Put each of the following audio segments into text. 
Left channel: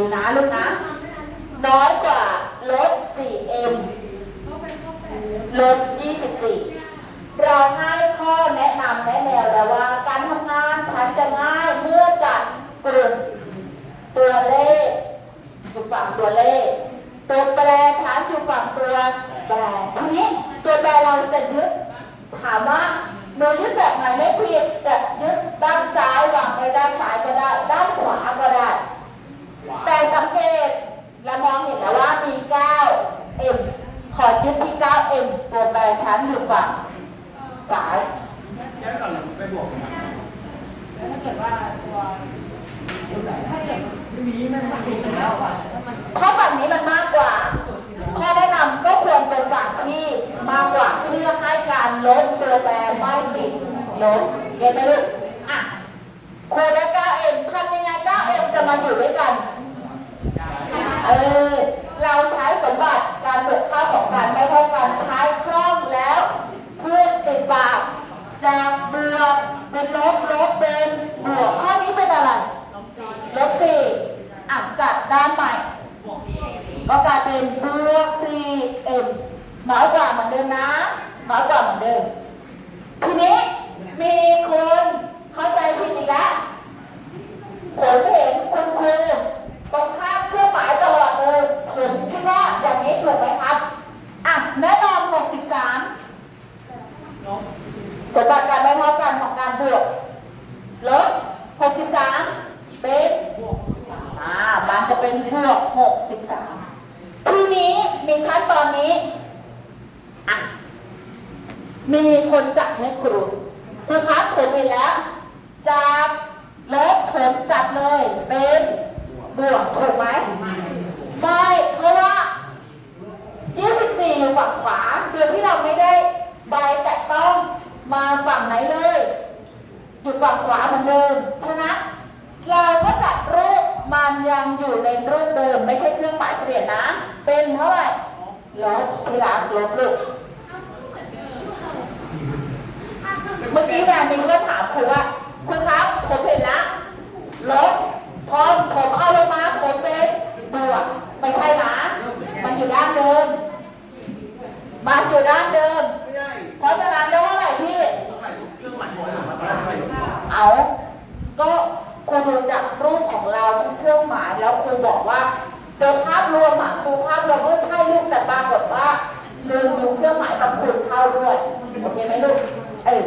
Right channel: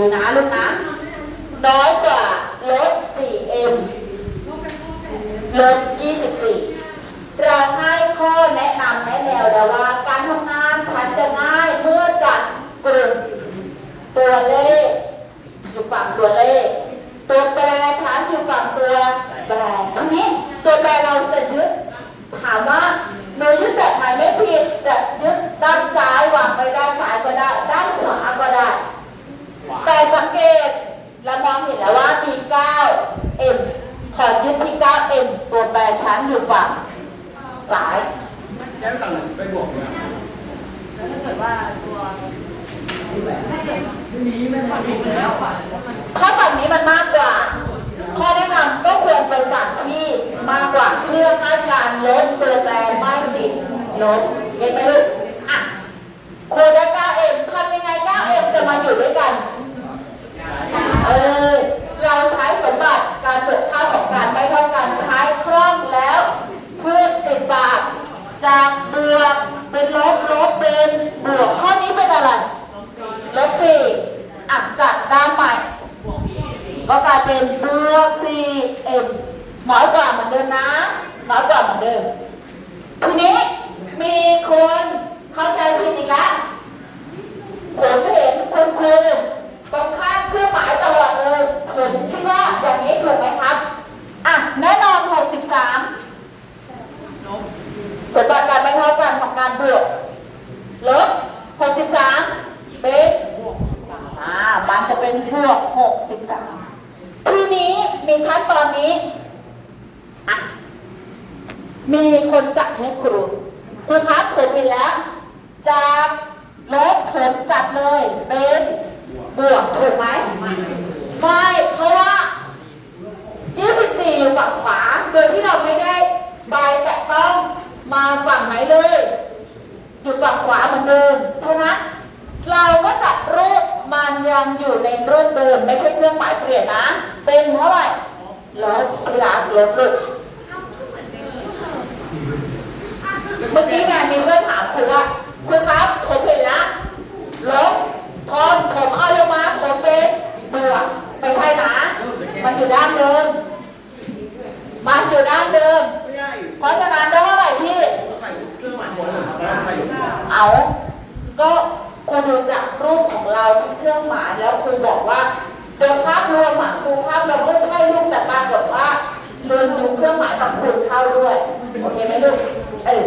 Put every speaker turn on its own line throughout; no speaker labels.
ดูนะลูกนะ น้อยกว่าลด 4m ลด 24 เราให้ข้อแนะนำแนะแนวแล้วว่า การทำงานฉันจะง่ายเมื่อจัดกลุ่มตัวเลขอยู่ฝั่งตัวเลข ตัวแปรฉันอยู่ฝั่งตัวแปรทีนี้ตัวแปรเราจะยึดถามว่าเรายึดแบบไหนไม่ผิดจะยึดด้านซ้ายวางไปด้านซ้ายก็ได้ ด้านขวาก็ได้ แต่สังเกตเรา มองเห็นแล้วว่ามี 9m ขอยึดที่ 9m ตัวแปรชั้นอยู่ฝั่งซ้าย
แย้มกันไปบวกเนี่ย
แล้วถ้าเกิดว่าตัว
ถ้าเกิดไม่มีไม่ทำอีกแล้วอะ
ถ้าฝั่งนี้มันมากกว่า ข้อแนะนำก็ควรเป็นฝั่งที่มากกว่าเพื่อให้การลดตัวแปรไม่ติดลบเห็นไหมลูกอะคูณได้ 9m ทำยังไง 9m จะมาอยู่ด้วยกัน เออเราใช้สมบัติการบวกค่าของการไม่เท่ากันใช้คล่องแล้วเพื่อติดบาทจากเบวกเป็นลบลบเป็นบวกข้อนี้เป็นอะไรลบสี่อะจัดด้านใหม่ก็กลายเป็นบวก 4m น้อยกว่าเหมือนเดิมนะน้อยกว่าเหมือนเดิมทีนี้มีคนเข้าใจผิดอีกแล้วผมเห็นคุณครูตรงข้ามเครื่องหมายตลอดเลย ผมคิดว่าอย่างนี้ถูกไหมครับ อะ แน่นอน 63 สมบัติการไม่เท่ากันของการบวก ล หกสิบ63เป็นอ่ามันจะเป็นบวก63ทีนี้มีขั้นตอนนี้ มีคนจัดให้ครูครูครับผมเห็นแล้วจากลบผมจัดเลยเป็นบวกถูกไหมไม่เพราะว่า24อยู่ฝั่งขวา โดยที่เราไม่ได้ใบแตะต้องมาฝั่งไหนเลย อยู่ฝั่งขวาเหมือนเดิมเพราะนั้นเราก็จัดรูปมันยังอยู่ในรูปเดิมไม่ใช่เครื่องหมายเปลี่ยนนะ เป็นเท่าไหร่ลบที่รักลบลูกเมื่อกี้แม่มีเพื่อนถามครูว่าครูครับผมเห็นแล้วลบพอผมเอาลงมาผมเป็นบวกไม่ใช่นะ มันอยู่ด้านเดิม มันอยู่ด้านเดิม เพราะฉะนั้นได้เท่าไหร่พี่
ก็
ครูดูจากรูปของเราที่เครื่องหมายแล้วครูบอกว่าโดยภาพรวมอะครูภาพเราก็ใช่ลูกแต่ปรากฏว่าลืมดูเครื่องหมายของครูเข้าด้วยโอเคไหมลูกเออ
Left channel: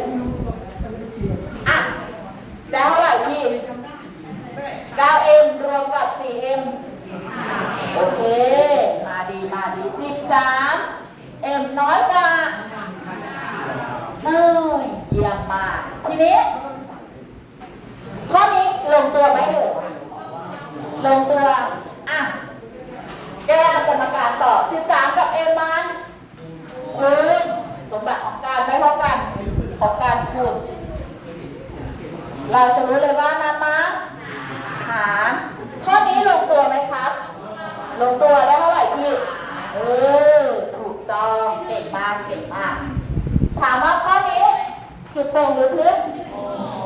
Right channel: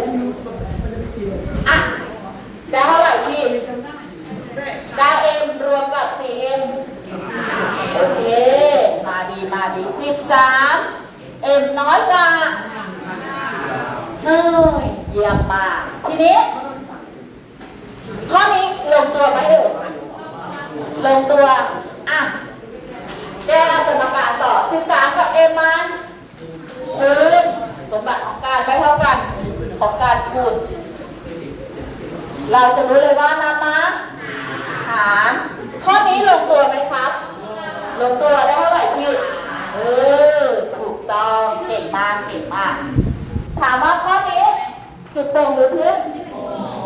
อะได้เท่าไหร่พี่ 9m รวมกับ 4m โอเค มาดีมาดี13 m น้อยกว่าเอ้ยเยี่ยมมากทีนี้ ข้อนี้ลงตัวไหมเอ่ย ลงตัว อะ แก้สมการต่อ 13 กับ m มันคูณสมบัติของการไม่เท่ากันของการคูณเราจะรู้เลยว่านำมาหารข้อนี้ลงตัวไหมครับ ลงตัวได้เท่าไหร่พี่เออถูกต้องเก่งมากเก่งมาก ถามว่าข้อนี้จุดตรงหรือทึบ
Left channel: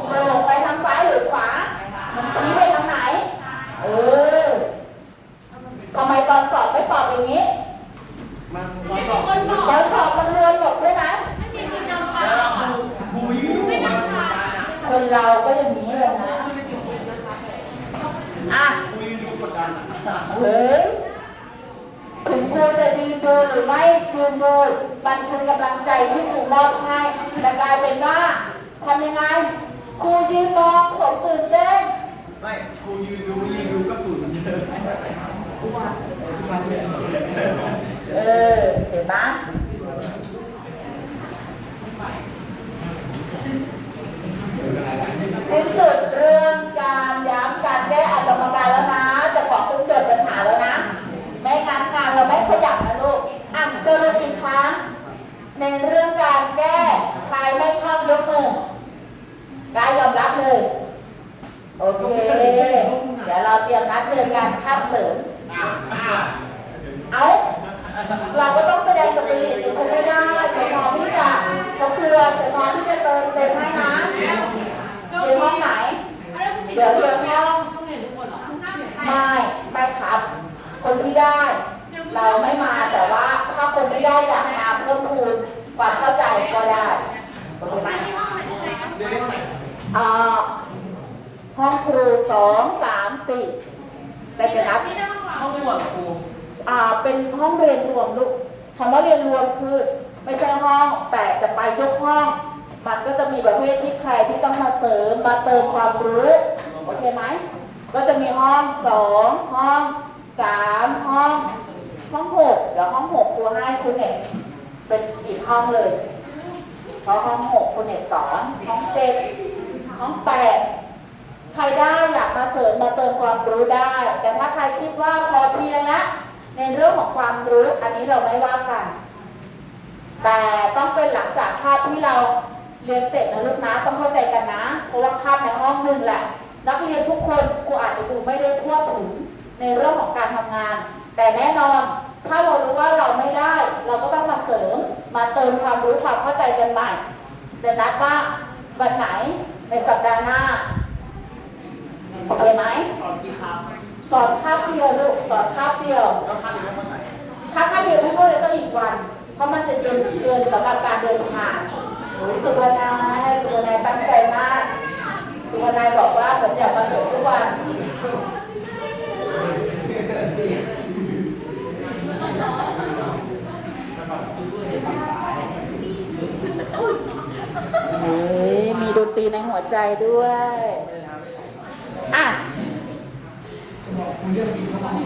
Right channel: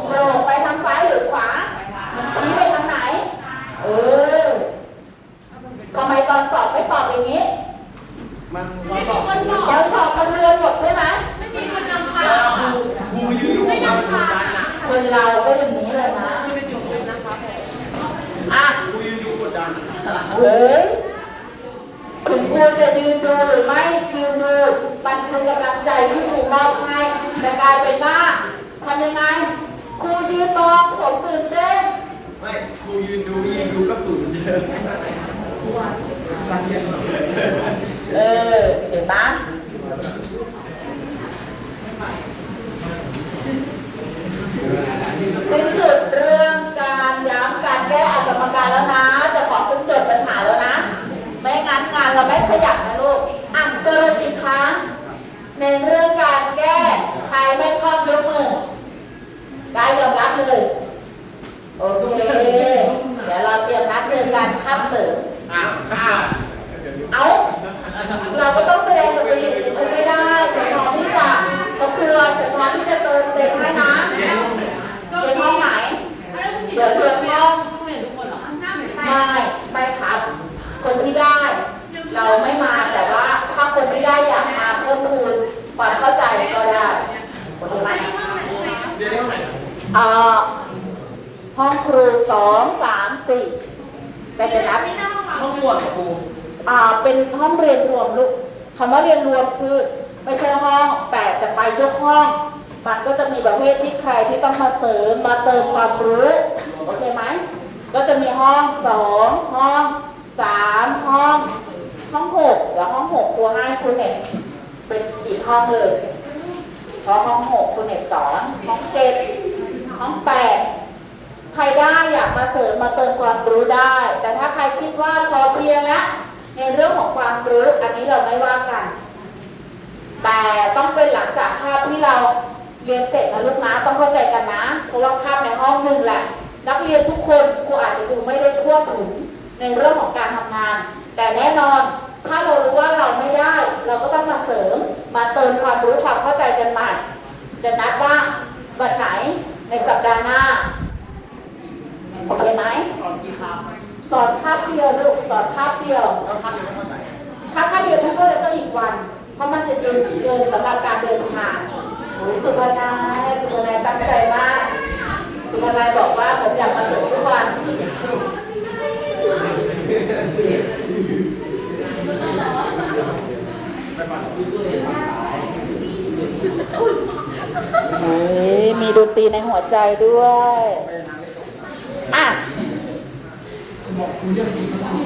โปร่งไปทางซ้ายหรือขวามันชี้ไปทางไหน เออทำไมตอนสอบไม่ตอบอย่างนี้
มันร้อนบอก
ตอนสอบมันเรือนหมดใช่ไหม
ไม่มีคนนำค่ะ
ครูครูยืนดูมันได้นะ
คนเราก็อย่างนี้เลยนะอะ
ครูยืนดูกดดัน
เฮ้ยถึงครูจะยืนดูหรือไม่ยืนดูมันคือกำลังใจที่ครูมอบให้แต่กลายเป็นว่าทำยังไงครูยืนมองผมตื่นเต้น
ไม่ครูยืนดูยืนดูก็ฝืนเดิมครูว่าการเรียน
เออเห็นไหมสิ้นสุดเรื่องการย้ำการแก้อัตมการแล้วนะ จะขอคุณจดปัญหาแล้วนะ ไม่งั้นงานเราไม่ขยับนะลูกอะสรุปอีกครั้งในเรื่องการแก้ใครไม่คล่องยกมือได้ยอมรับเลย ดี๋ยวเราเตรียมนัดเจอกันข้ามเสริม
อ้าวอ้าว
เอาเราก็ต้องแสดงสปิริตฉันไม่ได้ฉันพร้อมที่จะทบทวนฉันพร้อมที่จะเติมเต็มให้นะเรียนห้องไหน เดี๋ยวเรียนห้อง
ต้องเรียนทุกคนเหรอ
ไม่ไม่ค่ะที่ได้ เราไม่มาแต่ว่าถ้าคนไม่ได้อยากมาเพิ่มพูนความเข้าใจก็ได้โอเคไหม
เดี๋ยวนี้ไหน
อ่าห้องครูสองสามสี่ แต่จะนับ
ห้องหมวดครู
อ่าเป็นห้องเรียนรวมลูกคำว่าเรียนรวมคือไม่ใช่ห้องแต่จะไปยกห้อง มันก็จะมีประเภทที่ใครที่ต้องมาเสริมมาเติมความรู้โอเคไหมก็จะมีห้องสองห้องสามห้องห้องหกเดี๋ยวห้องหกครูให้คุณเอกเป็นกี่ห้องเลย เพราะห้องหกคุณเอกสอนห้องเจ็ดห้องแปด ครได้อยากมาเสริมมาเติมความรู้ได้ แต่ถ้าใครคิดว่าพอเพียงแล้วในเรื่องของความรู้อันนี้เราไม่ว่ากัน แต่ต้องเป็นหลังจากคาบที่เราเรียนเสร็จนะลูกนะต้องเข้าใจกันนะ เพราะว่าคาบในห้องหนึ่งแหละ นักเรียนทุกคนครูอาจจะดูไม่ได้ทั่วถึงในเรื่องของการทำงาน แต่แน่นอนถ้าเรารู้ว่าเราไม่ได้ เราก็ต้องมาเสริมมาเติมความรู้ความเข้าใจกันใหม่จะนัดว่าวันไหนในสัปดาห์หน้า โอเคไหม
สอนกี่คำ
สอนคาบเดียวลูกสอนคาบเดียว
แล้วคำท่าไหร่
ถ้าคาบเดียวไม่เข้าเลยต้องอีกวัน เพราะมันจะเย็นเกินสำหรับการเดินทางโอ้ยสุภานาสุภานาตั้งใจมากสุภานาบอกว่าผมอยากมาเสริมทุกวันเฮ้ยมีดนตรีในหัวใจด้วย อะ
จะบอกคุณเรื่องดีมาก